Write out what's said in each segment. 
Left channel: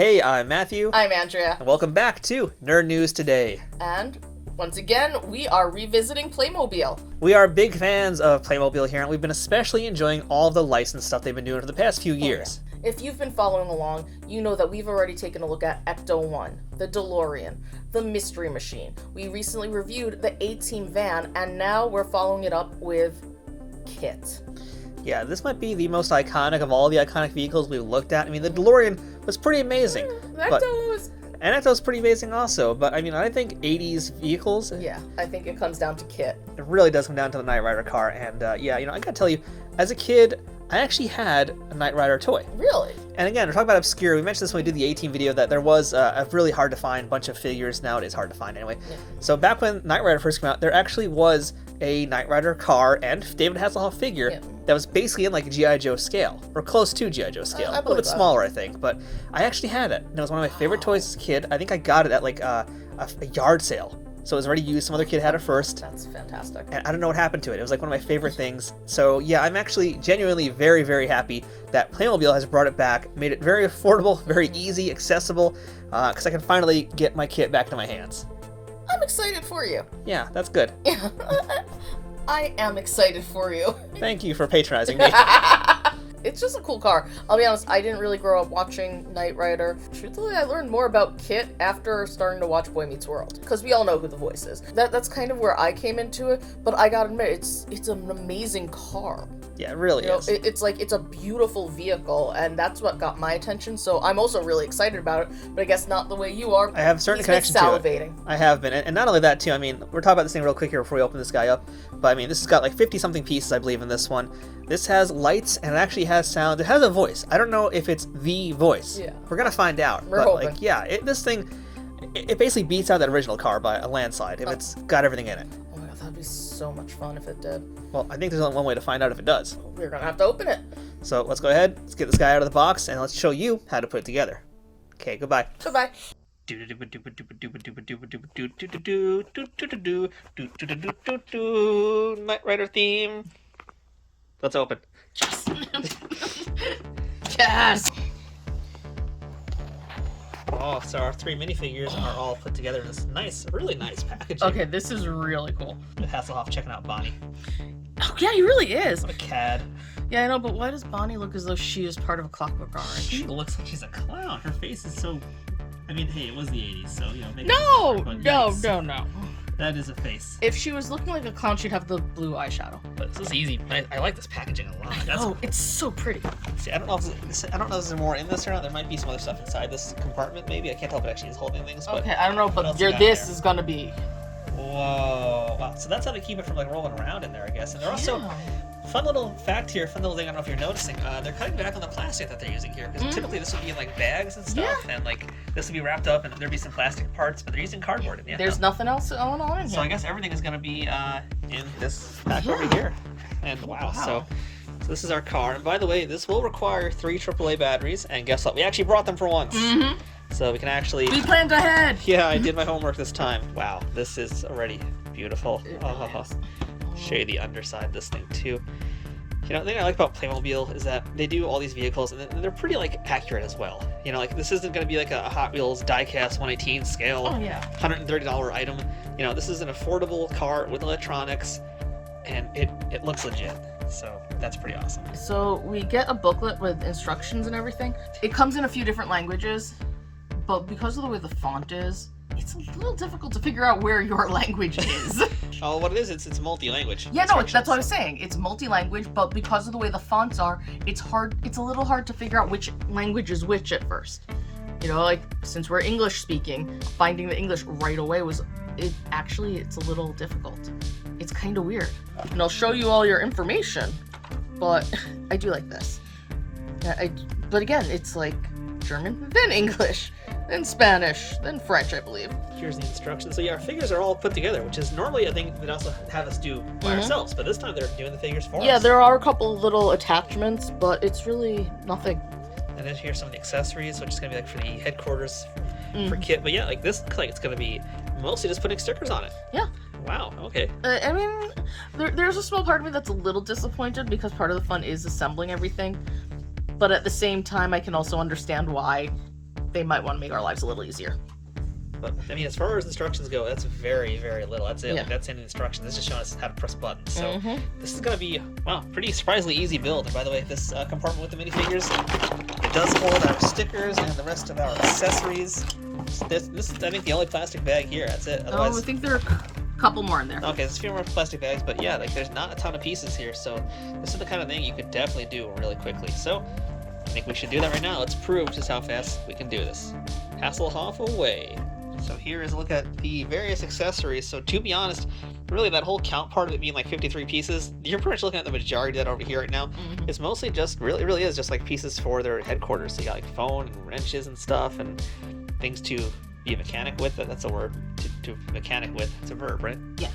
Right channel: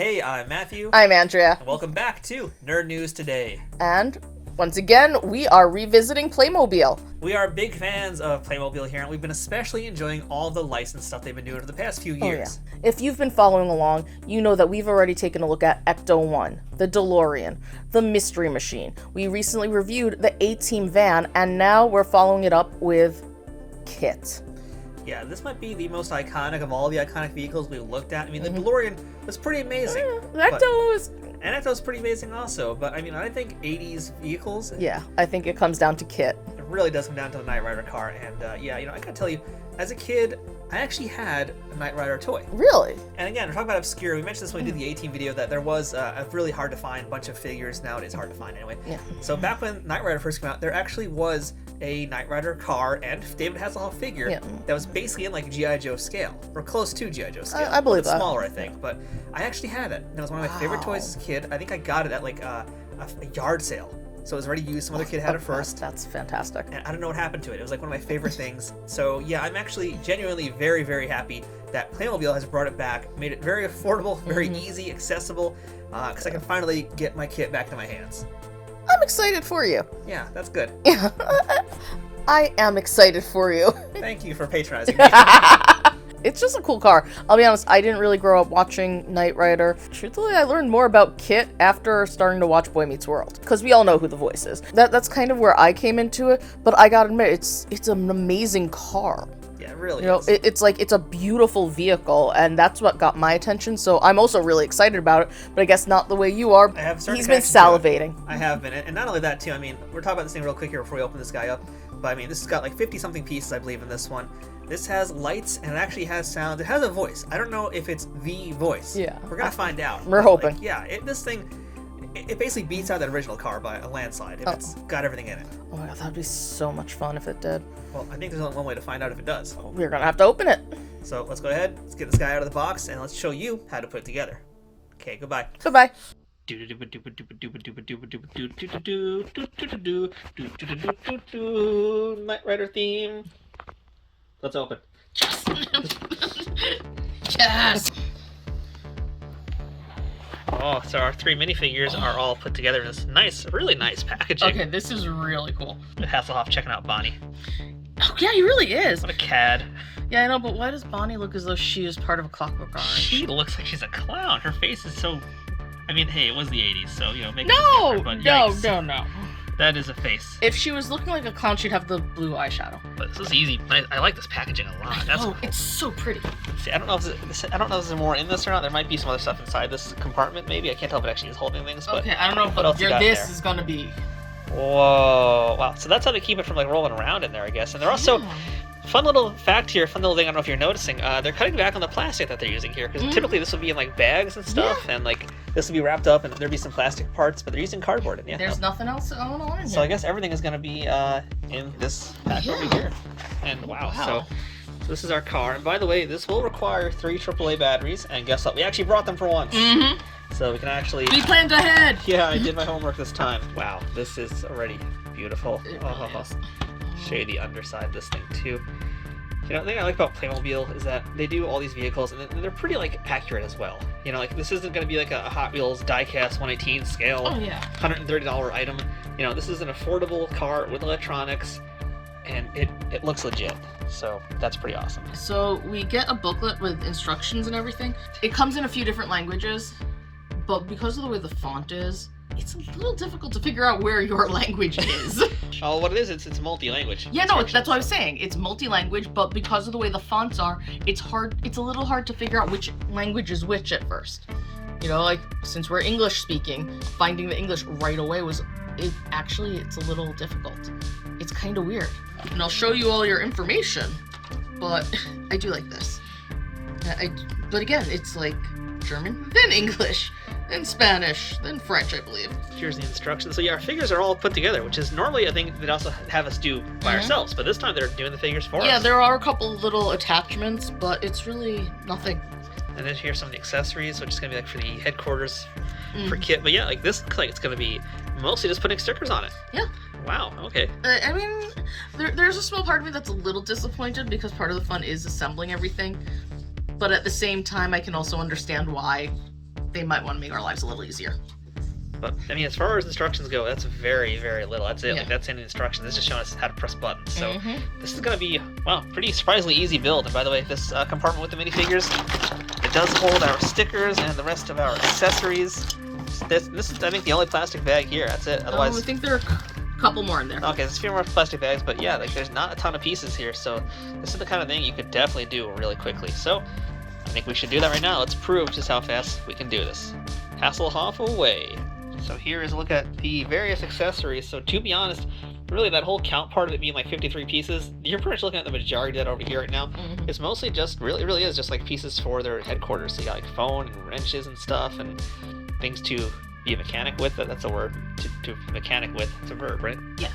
Hey, I'm Matthew. I'm Andrea. And welcome back to Nerd News Today. And once again, we are revisiting Playmobil. We are big fans of Playmobil here, and we've been especially enjoying all of the licensed stuff they've been doing for the past few years. Oh, yeah. If you've been following along, you know that we've already taken a look at Ecto-1, the DeLorean, the Mystery Machine. We recently reviewed the A-Team van, and now we're following it up with KITT. Yeah, this might be the most iconic of all the iconic vehicles we've looked at. I mean, the DeLorean was pretty amazing. And Ecto was pretty amazing also, but I mean, I think 80s vehicles... Yeah, I think it comes down to KITT. It really does come down to the Knight Rider car, and yeah, I gotta tell you, as a kid, I actually had a Knight Rider toy. Really? And again, we're talking about obscure. We mentioned this when we did the A-Team video, that there was a really hard to find bunch of figures. Now it is hard to find anyway. Yeah. So back when Knight Rider first came out, there actually was a Knight Rider car and David Hasselhoff figure that was basically in like G.I. Joe scale, or close to G.I. Joe scale. I believe a little bit smaller, I think, but I actually had it. And it was one of my favorite toys as a kid. I think I got it at like a yard sale. So it was already used. Some other kid had it first. That's fantastic. And I don't know what happened to it. It was like one of my favorite things. So yeah, I'm actually genuinely very, very happy that Playmobil has brought it back, made it very affordable, very easy, accessible, because I can finally get my kit back to my hands. I'm excited for you. Yeah, that's good. Yeah, I am excited for you. Thank you for patronizing me. It's just a cool car. I'll be honest, I didn't really grow up watching Knight Rider. Truthfully, I learned more about KITT after starting to watch Boy Meets World, because we all know who the voice is. That's kind of where I came into it, but I gotta admit, it's an amazing car. Yeah, it really is. It's a beautiful vehicle, and that's what got my attention, so I'm also really excited about it, but I guess not the way you are. I have a certain connection to it. He's been salivating. I have been, and not only that too, I mean, we're talking about this thing real quick here before we open this guy up, but I mean, this has got like 50-something pieces, I believe, in this one. This has lights, and it actually has sound. It has a voice. I don't know if it's the voice. Yeah. We're gonna find out. We're hoping. Like, yeah, this thing, it basically beats out that original car by a landslide if it's got everything in it. Oh my god, that'd be so much fun if it did. Well, I think there's only one way to find out if it does. We're gonna have to open it. So let's go ahead, let's get this guy out of the box, and let's show you how to put it together. Okay, goodbye. Goodbye. Knight Rider theme. Let's open. Yes. Oh, so our three minifigures are all put together in this nice, really nice packaging. Okay, this is really cool. Hasselhoff checking out Bonnie. Oh yeah, he really is. What a cad. Yeah, I know, but why does Bonnie look as though she is part of a Clockwork Orange? She looks like she's a clown. Her face is so... I mean, hey, it was the 80s, so, you know, make No! it different, but No. That is a face. If she was looking like a clown, she'd have the blue eyeshadow. But this is easy. I like this packaging a lot. That's cool. It's so pretty. See, I don't know if there's more in this or not. There might be some other stuff inside this compartment, maybe. I can't tell if it actually is holding things, but... Okay, I don't know, but this is gonna be... Whoa. Wow. So that's how they keep it from, like, rolling around in there, I guess. And they're also... Fun little fact here, fun little thing, I don't know if you're noticing, they're cutting back on the plastic that they're using here, because typically this would be in like bags and stuff, and like this would be wrapped up and there'd be some plastic parts, but they're using cardboard. And, there's nothing else going on in here. So I guess everything is going to be in this pack over here. And wow, so this is our car. And by the way, this will require 3 AAA batteries, and guess what? We actually brought them for once. So we can actually... We planned ahead! Yeah, I did my homework this time. Wow, this is already beautiful. Show you the underside of this thing too. You know, the thing I like about Playmobil is that they do all these vehicles and they're pretty like accurate as well. You know, like this isn't going to be like a Hot Wheels diecast 118 scale, $130 item. You know, this is an affordable car with electronics, and it looks legit. So that's pretty awesome. So we get a booklet with instructions and everything. It comes in a few different languages, but because of the way the font is, it's a little difficult to figure out where your language is. Oh, what it is, it's multi-language. Yeah, no, that's what I was saying. It's multi-language, but because of the way the fonts are, it's a little hard to figure out which language is which at first. You know, like, since we're English speaking, finding the English right away it's a little difficult. It's kind of weird. And I'll show you all your information, but I do like this. But again, it's like German, then English, then Spanish, then French, I believe. Here's the instructions. So yeah, our figures are all put together, which is normally a thing they'd also have us do by ourselves, but this time they're doing the figures for us. Yeah, there are a couple little attachments, but it's really nothing. And then here's some of the accessories, which is going to be like for the headquarters for KITT. But yeah, like this looks like it's going to be mostly just putting stickers on it. Yeah. Wow, okay. I mean, there's a small part of me that's a little disappointed because part of the fun is assembling everything. But at the same time, I can also understand why they might want to make our lives a little easier. But I mean, as far as instructions go, that's very, very little. That's it. Yeah. Like that's in the instructions. It's just showing us how to press buttons. So this is gonna be, well, pretty surprisingly easy build. And by the way, this compartment with the minifigures, it does hold our stickers and the rest of our accessories. This is, I think, the only plastic bag here. That's it. Otherwise, I think there are a couple more in there. okay, there's a few more plastic bags, but yeah, like there's not a ton of pieces here. So this is the kind of thing you could definitely do really quickly. So I think we should do that right now. Let's prove just how fast we can do this. Hasselhoff away. So here is a look at the various accessories. So to be honest, really that whole count part of it being like 53 pieces, you're pretty much looking at the majority of that over here right now. It's mostly just, really is just like pieces for their headquarters. So you got like phone and wrenches and stuff and things to be a mechanic with. That's a word. To mechanic with. It's a verb, right? Yes.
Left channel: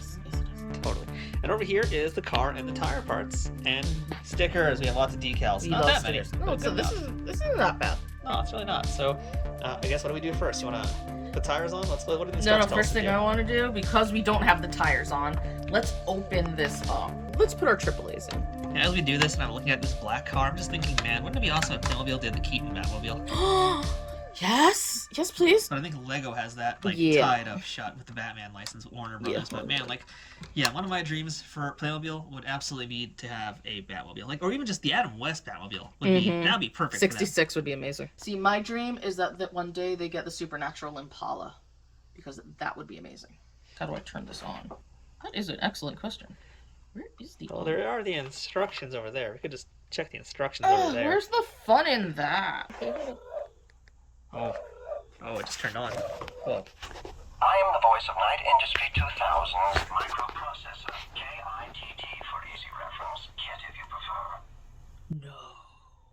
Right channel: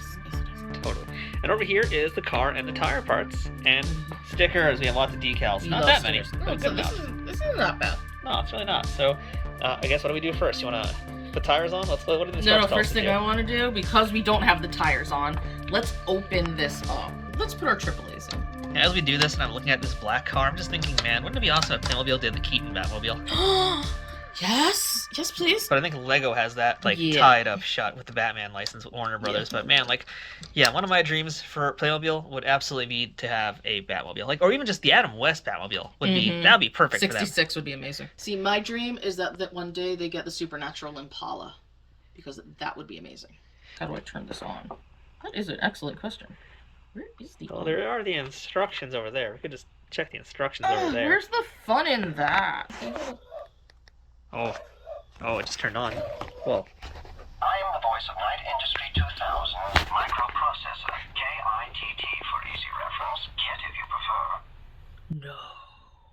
Totally. And over here is the car and the tire parts and stickers. We have lots of decals. Not that many. No, so this is not bad. No, it's really not. So I guess what do we do first? You want to put tires on? What do the instructions No, tell us first to thing do? I want to do, because we don't have the tires on, let's open this up. Let's put our AAAs in. And as we do this, and I'm looking at this black car, I'm just thinking, man, wouldn't it be awesome if Playmobil did the Keaton Batmobile? Yes, please. But I think Lego has that like tied up shut with the Batman license with Warner Brothers. But man, like, yeah, one of my dreams for Playmobil would absolutely be to have a Batmobile, like, or even just the Adam West Batmobile would be that'd be perfect. 66 would be amazing. See, my dream is that one day they get the supernatural Impala, because that would be amazing. How do I turn this on? That is an excellent question. Where is the? Well, there are the instructions over there. We could just check the instructions over there. Where's the fun in that? Oh, it just turned on. Whoa. I'm the voice of Knight Industry 2000's microprocessor, KITT for easy reference, KITT if you prefer. No.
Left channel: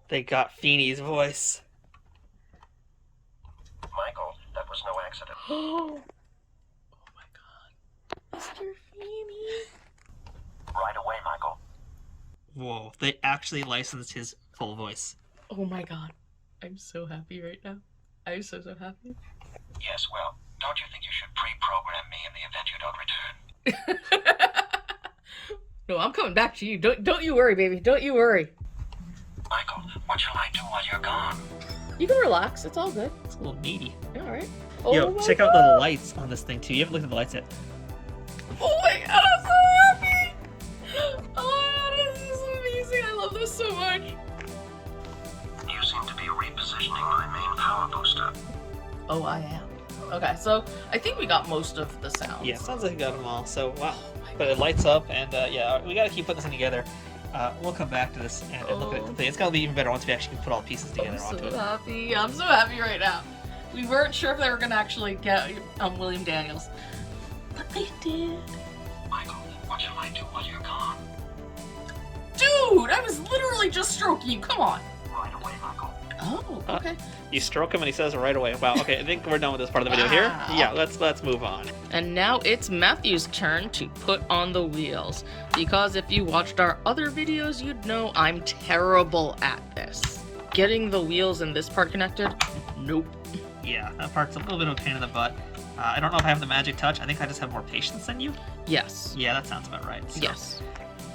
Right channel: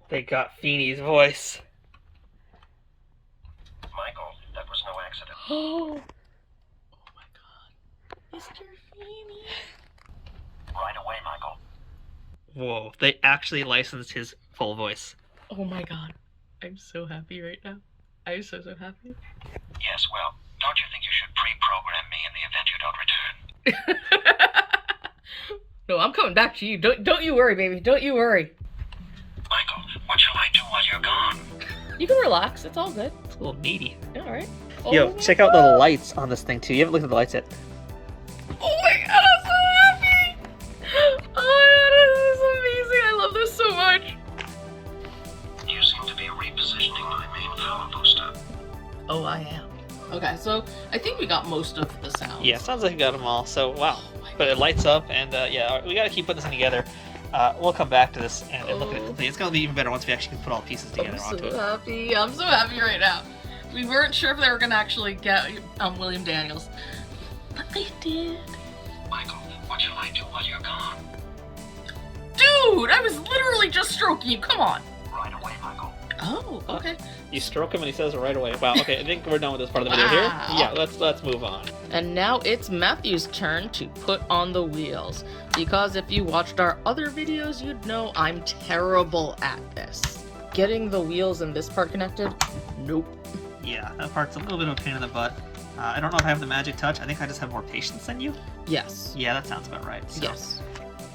They got Feeney's voice. Michael, that was no accident. Oh my god. Mr. Feeney. Right away, Michael. Whoa, they actually licensed his full voice. Oh my god. I'm so happy right now. I'm so happy. Yes, well, don't you think you should pre-program me in the event you don't return? No, I'm coming back to you. Don't you worry, baby. Don't you worry. Michael, what shall I do while you're gone? You can relax. It's all good. It's a little meaty. All right. Yo, Oh check my out the God. lights on this thing too. You haven't looked at the lights yet. Oh my god, I'm so happy! Oh my god, this is amazing. I love this so much. You seem to be repositioning my main power booster. Oh, I am. Okay, so I think we got most of the sounds. Yeah, sounds like you got them all. So wow, but it lights up, and yeah, we got to keep putting this thing together. We'll come back to this and look at it complete. It's gonna be even better once we actually can put all the pieces together onto it. Happy. I'm so happy right now. We weren't sure if they were gonna actually get William Daniels, but they did. Michael, what shall I do while you're gone? Dude, I was literally just stroking you. Come on. Right away, Michael. Oh, okay. You stroke him and he says it right away. Wow. Okay, I think we're done with this part of the video here. Wow. Yeah, let's move on. And now it's Matthew's turn to put on the wheels. Because if you watched our other videos, you'd know I'm terrible at this. Getting the wheels in this part connected? Nope. Yeah, that part's a little bit of a pain in the butt. I don't know if I have the magic touch. I think I just have more patience than you. Yes. Yeah, that sounds about right. So, Yes.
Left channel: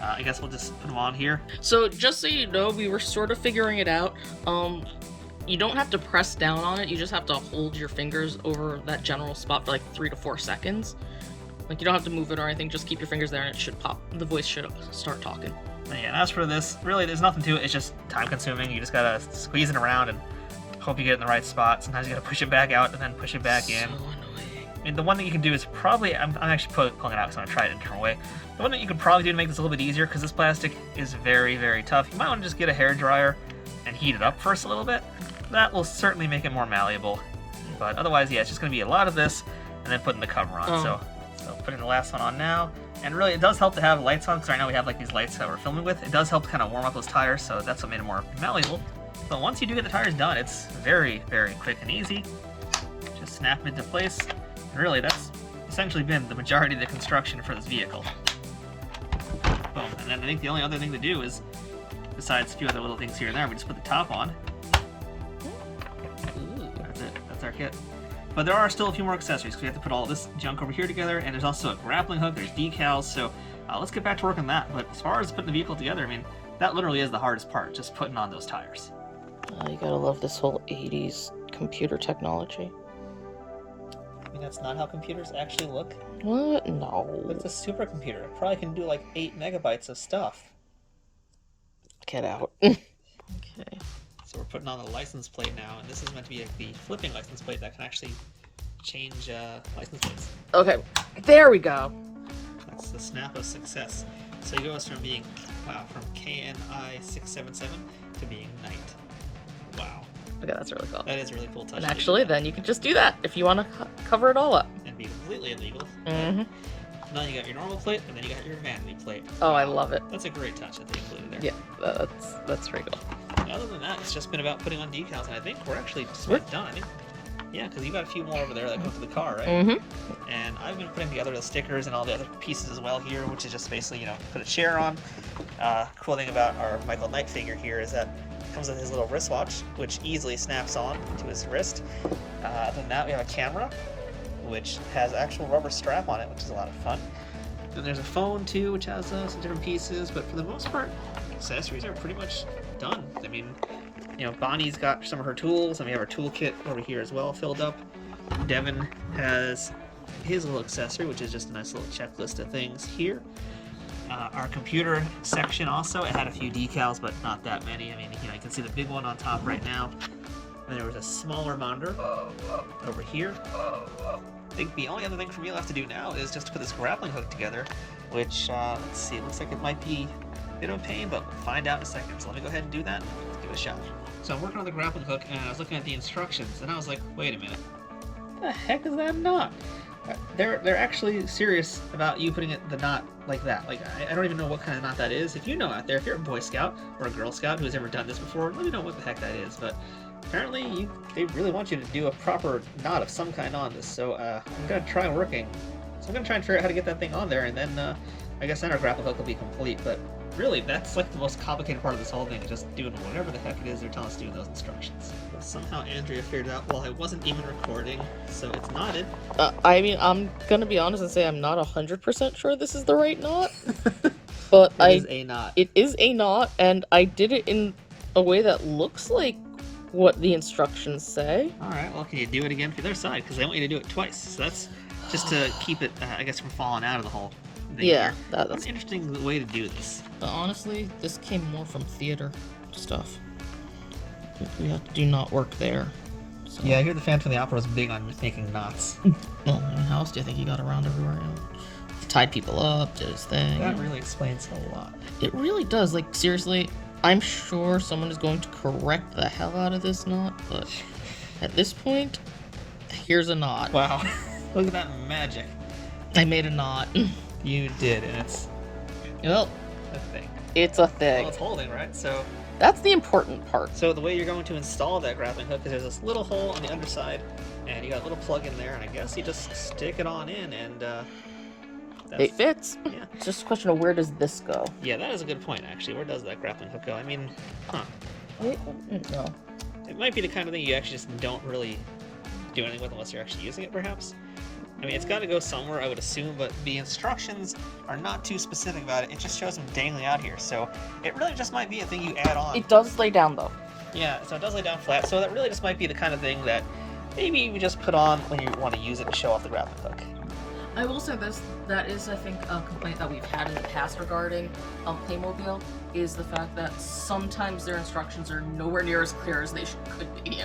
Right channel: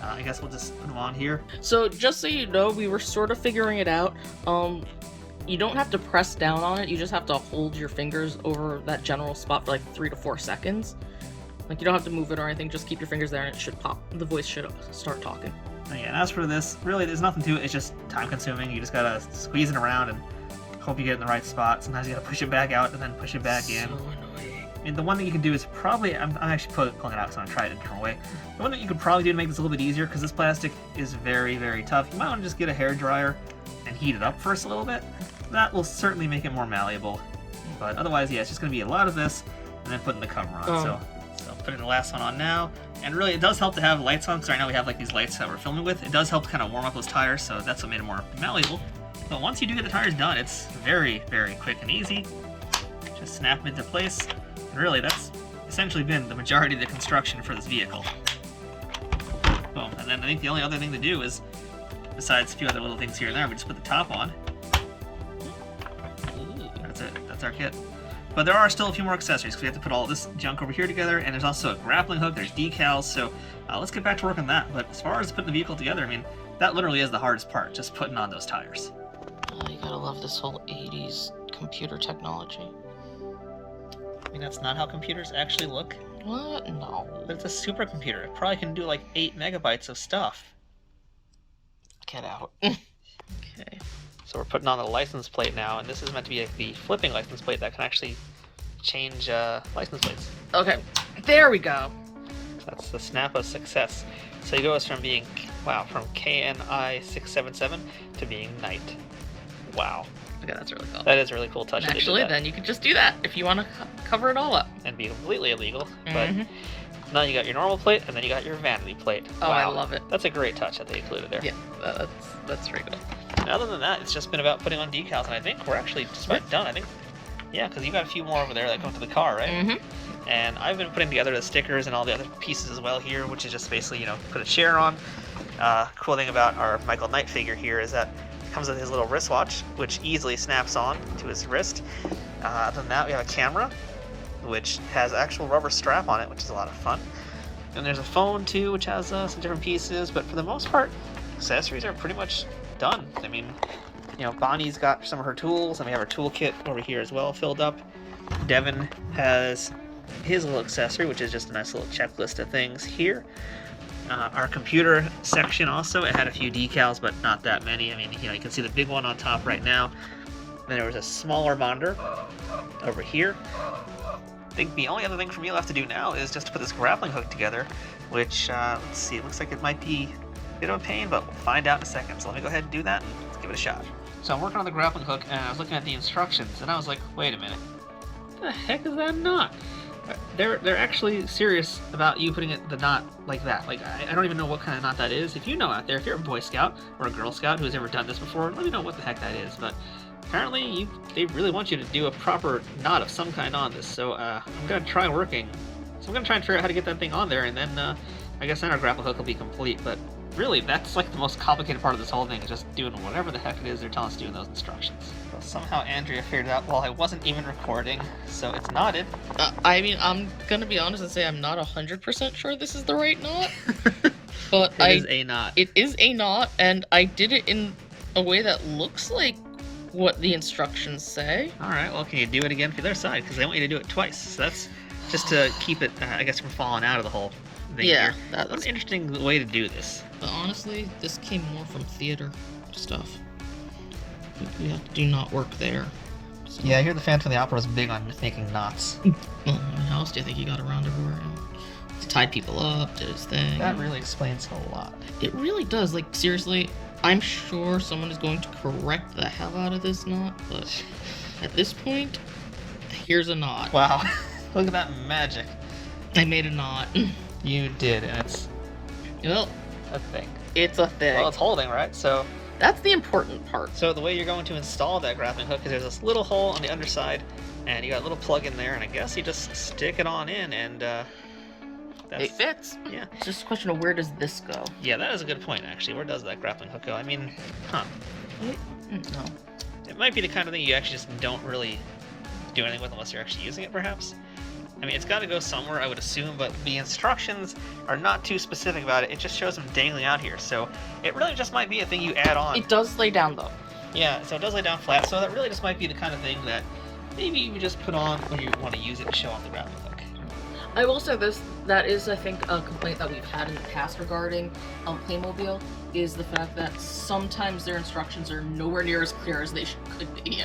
I guess we'll just put them on here. So just so you know, we were sort of figuring it out. You don't have to press down on it. You just have to hold your fingers over that general spot for like 3 to 4 seconds. Like, you don't have to move it or anything. Just keep your fingers there and it should pop. The voice should start talking. And yeah, and as for this, really, there's nothing to it. It's just time consuming. You just gotta squeeze it around and hope you get it in the right spot. Sometimes you gotta push it back out and then push it back in. So annoying. And the one that you can do is probably, I'm actually pulling it out, so I'm gonna try it a different way. The one that you could probably do to make this a little bit easier, because this plastic is very, very tough, you might want to just get a hair dryer and heat it up first a little bit. That will certainly make it more malleable. But otherwise, yeah, it's just gonna be a lot of this, and then putting the cover on. So putting the last one on now. And really, it does help to have lights on, because right now we have like these lights that we're filming with. It does help to kind of warm up those tires, so that's what made it more malleable. But once you do get the tires done, it's very, very quick and easy. Just snap them into place. And really, that's essentially been the majority of the construction for this vehicle. Boom. And then I think the only other thing to do is, besides a few other little things here and there, we just put the top on. Ooh. That's it. That's our kit. But there are still a few more accessories, because we have to put all this junk over here together, and there's also a grappling hook, there's decals, so let's get back to work on that. But as far as putting the vehicle together, I mean, that literally is the hardest part, just putting on those tires. Oh, you gotta love this whole 80s computer technology. I mean, that's not how computers actually look. What? No. But it's a supercomputer. It probably can do like 8 megabytes of stuff. Get out. Okay. So we're putting on the license plate now, and this is meant to be like the flipping license plate that can actually change license plates. Okay, there we go. That's the snap of success. So he goes from being, wow, from KNI 677 to being Knight. Wow. Okay, that's really cool. That is a really cool touch. Actually, then you could just do that if you want to cover it all up. And be completely illegal. Mhm. But now you got your normal plate, and then you got your vanity plate. Oh, wow. I love it. That's a great touch that they included there. Yeah, that's pretty good. And other than that, it's just been about putting on decals, and I think we're actually just about done. I think, yeah, because you got a few more over there that go to the car, right? Mm-hmm. And I've been putting together the stickers and all the other pieces as well here, which is just basically, put a chair on. Cool thing about our Michael Knight figure here is that it comes with his little wristwatch, which easily snaps on to his wrist. Other than that, we have a camera, which has actual rubber strap on it, which is a lot of fun. And there's a phone too, which has some different pieces, but for the most part, accessories are pretty much done. I mean, Bonnie's got some of her tools, and we have our toolkit over here as well filled up. Devin has his little accessory, which is just a nice little checklist of things here. Our computer section also, it had a few decals, but not that many. I mean, you can see the big one on top right now. Then there was a smaller monitor over here. I think the only other thing for me left to do now is just to put this grappling hook together, which, let's see, it looks like it might be a bit of a pain, but we'll find out in a second. So let me go ahead and do that, and let's give it a shot. So I'm working on the grappling hook, and I was looking at the instructions, and I was like, wait a minute. What the heck is that knot? They're actually serious about you putting the knot like that. Like, I don't even know what kind of knot that is. If you know out there, if you're a Boy Scout or a Girl Scout who's ever done this before, let me know what the heck that is. But apparently, they really want you to do a proper knot of some kind on this. So I'm going to try working. So I'm going to try and figure out how to get that thing on there, and then I guess then our grappling hook will be complete. But really, that's like the most complicated part of this whole thing, is just doing whatever the heck it is they're telling us to do in those instructions. So somehow Andrea figured it out while I wasn't even recording, so it's knotted. I mean, I'm gonna be honest and say I'm not 100% sure this is the right knot, but It is a knot. It is a knot, and I did it in a way that looks like what the instructions say. All right, well, can you do it again for the other side? Because they want you to do it twice. So that's just to keep it, I guess, from falling out of the whole thing Yeah, here. that's What an interesting way to do this. But honestly, this came more from theater stuff. We have to do knot work there. So. Yeah, I hear the Phantom of the Opera was big on making knots. Well, how else do you think he got around everywhere? He tied people up, did his thing. That really explains a lot. It really does. Like, seriously, I'm sure someone is going to correct the hell out of this knot, but at this point, here's a knot. Wow, look at that magic. I made a knot. You did, and it's Well, a thing. it's a thing. Well, it's holding, right? So That's the important part. the way you're going to install that grappling hook is there's this little hole on the underside, and you got a little plug in there, and I guess you just stick it on in, and that's... It fits. Yeah. It's just a question of where does this go? Yeah, that is a good point, actually. Where does that grappling hook go? I mean, No. It might be the kind of thing you actually just don't really do anything with unless you're actually using it, perhaps. I mean, it's got to go somewhere, I would assume, but the instructions are not too specific about it. It just shows them dangling out here, so it really just might be a thing you add on. It does lay down though. Yeah, so it does lay down flat, so that really just might be the kind of thing that maybe you just put on when you want to use it to show off the grappling hook. I will say this, that is, I think, a complaint that we've had in the past regarding Playmobil, is the fact that sometimes their instructions are nowhere near as clear as they could be,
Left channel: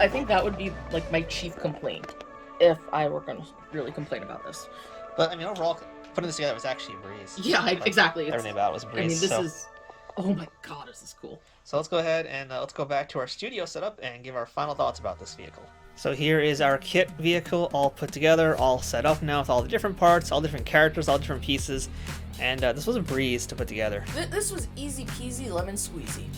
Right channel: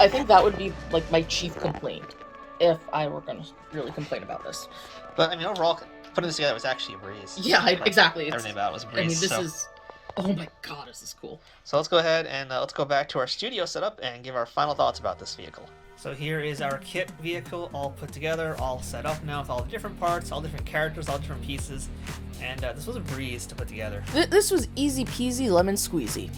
I think that would be, like, my chief complaint, if I were going to really complain about this. But, I mean, overall, putting this together was actually a breeze. Yeah, Like, exactly. Everything about it was a breeze. I mean, this so. is... Oh my god, is this cool. So let's go ahead and let's go back to our studio setup and give our final thoughts about this vehicle. So here is our KITT vehicle all put together, all set up now with all the different parts, all different characters, all different pieces. And this was a breeze to put together. This was easy peasy lemon squeezy.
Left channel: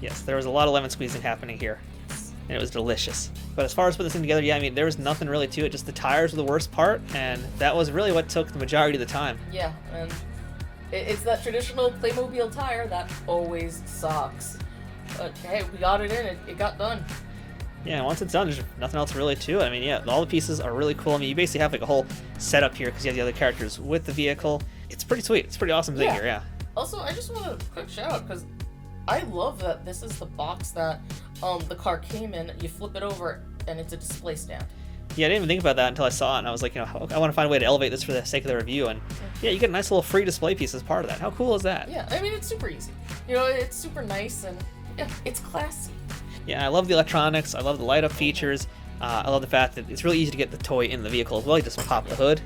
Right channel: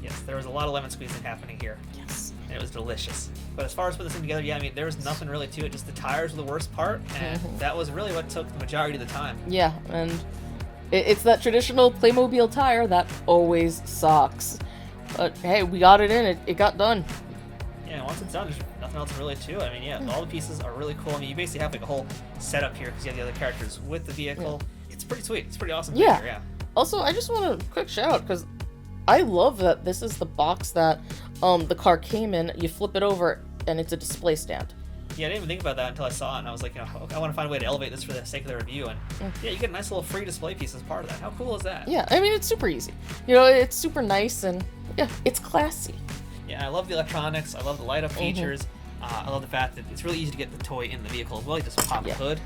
Yes, there was a lot of lemon squeezing happening here. Yes. And it was delicious. But as far as putting this thing together, yeah, I mean, there was nothing really to it. Just the tires were the worst part, and that was really what took the majority of the time. Yeah, and it's that traditional Playmobil tire that always sucks. But hey, we got it in, it got done. Yeah, and once it's done, there's nothing else really to it. I mean, yeah, all the pieces are really cool. I mean, you basically have like a whole setup here because you have the other characters with the vehicle. It's pretty sweet. It's pretty awesome figure, yeah. Also, I just want a quick shout out because I love that this is the box that the car came in, you flip it over, and it's a display stand. Yeah, I didn't even think about that until I saw it, and I was like, I want to find a way to elevate this for the sake of the review, and yeah, you get a nice little free display piece as part of that. How cool is that? Yeah, I mean, it's super easy. It's super nice, and yeah, it's classy. Yeah, I love the electronics. I love the light-up features. I love the fact that it's really easy to get the toy in the vehicle as well. You just pop the hood.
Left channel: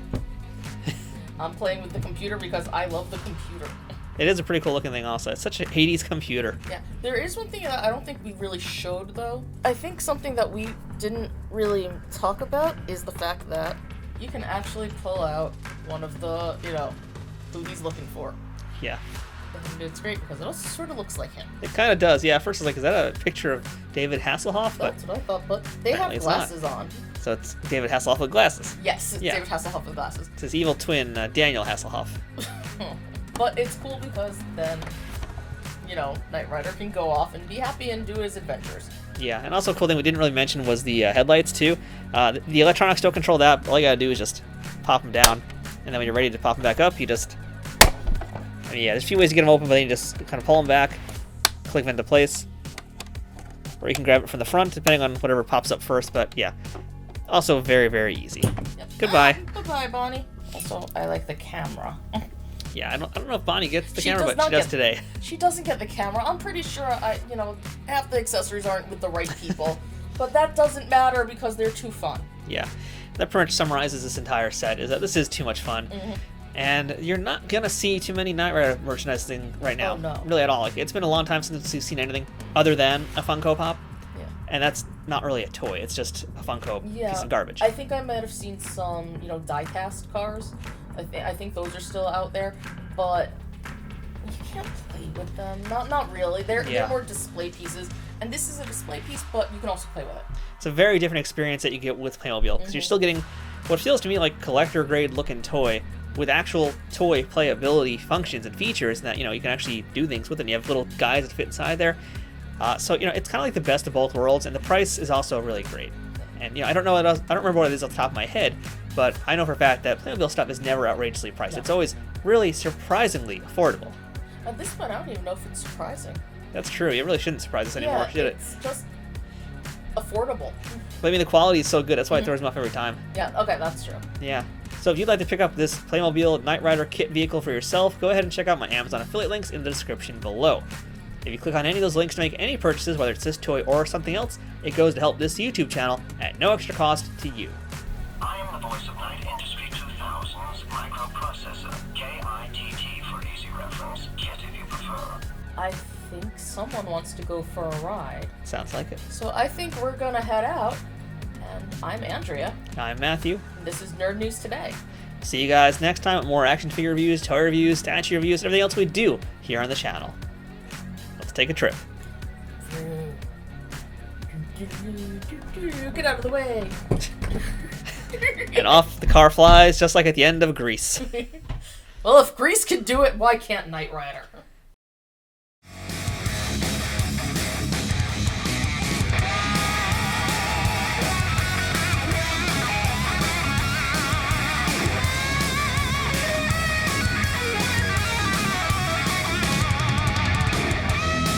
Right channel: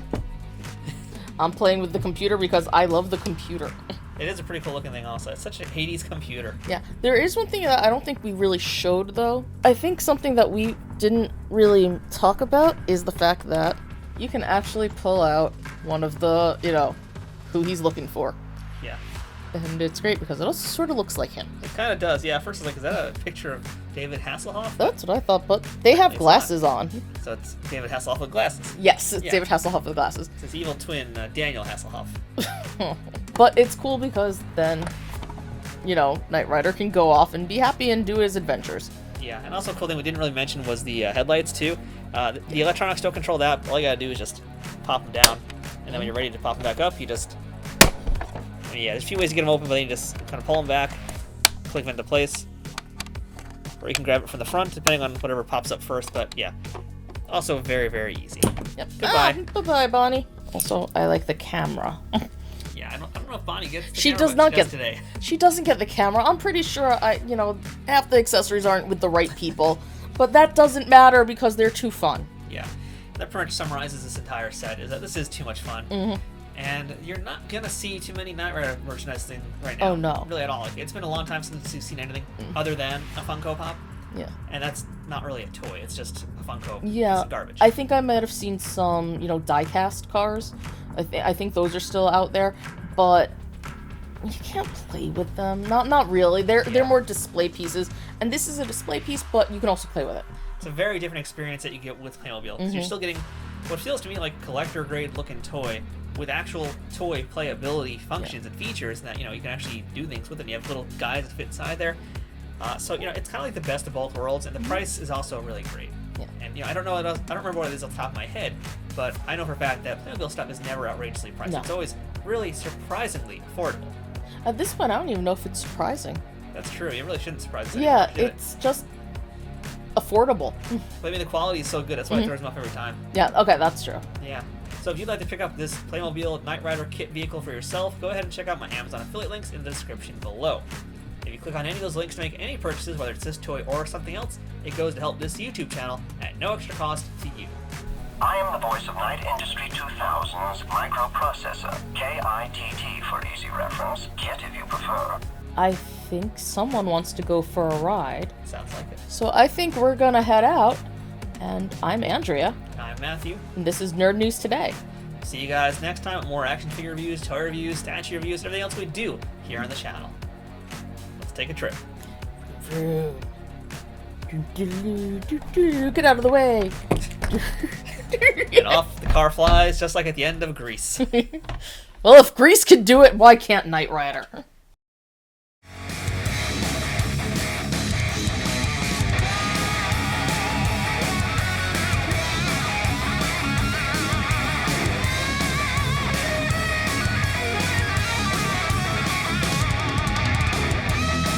I'm playing with the computer because I love the computer. It is a pretty cool looking thing also. It's such a Hades computer. Yeah, there is one thing that I don't think we really showed, though. I think something that we didn't really talk about is the fact that you can actually pull out one of the, who he's looking for. Yeah. And it's great because it also sort of looks like him. It kind of does. Yeah, at first I was like, is that a picture of David Hasselhoff? That's what I thought, but they have glasses on. So it's David Hasselhoff with glasses. Yes, it's David Hasselhoff with glasses. It's his evil twin, Daniel Hasselhoff. But it's cool because then, Knight Rider can go off and be happy and do his adventures. Yeah, and also a cool thing we didn't really mention was the headlights too. The electronics don't control that, but all you gotta do is just pop them down, and then when you're ready to pop them back up, you just... yeah, there's a few ways to get them open, but then you just kind of pull them back, click them into place, or you can grab it from the front, depending on whatever pops up first, but yeah. Also very, very easy. Yep. Goodbye. Goodbye, Bonnie. Also, I like the camera. Yeah, I don't know if Bonnie gets the She camera, does but not she does get today. She doesn't get the camera. I'm pretty sure half the accessories aren't with the right people, but that doesn't matter because they're too fun. Yeah, that pretty much summarizes this entire set, is that this is too much fun. And you're not gonna see too many Knight Rider merchandising right now. Oh, no. Really at all. Like, it's been a long time since we've seen anything other than a Funko Pop. Yeah. And that's not really a toy, it's just a Funko piece Yeah. of garbage. I think I might have seen some, die-cast cars. I think those are still out there, but you can't play with them. Not really. They're more display pieces, and this is a display piece, but you can also play with it. It's a very different experience that you get with Playmobil, because you're still getting what feels to me like collector-grade looking toy with actual toy playability functions and features that, you can actually do things with it. And you have little guides that fit inside there. So, it's kind of like the best of both worlds, and the price is also really great. And, I don't know I don't remember what it is off the top of my head, but I know for a fact that Playmobil stuff is never outrageously priced. No. It's always really surprisingly affordable. At this point, I don't even know if it's surprising. That's true. It really shouldn't surprise us anymore, should it? It's just affordable. But I mean, the quality is so good. That's why it throws me off every time. Yeah, okay, that's true. Yeah. So if you'd like to pick up this Playmobil Knight Rider KITT vehicle for yourself, go ahead and check out my Amazon affiliate links in the description below. If you click on any of those links to make any purchases, whether it's this toy or something else, it goes to help this YouTube channel at no extra cost to you. I am the voice of Knight Industry 2000's microprocessor, KITT for easy reference, KITT if you prefer. I think someone wants to go for a ride. Sounds like it. So I think we're gonna head out. And I'm Andrea. I'm Matthew. And this is Nerd News Today. See you guys next time with more action figure reviews, toy reviews, statue reviews, and everything else we do here on the channel. Let's take a trip. Get out of the way. And off the car flies, just like at the end of Grease. Well, if Grease can do it, why can't Knight Rider?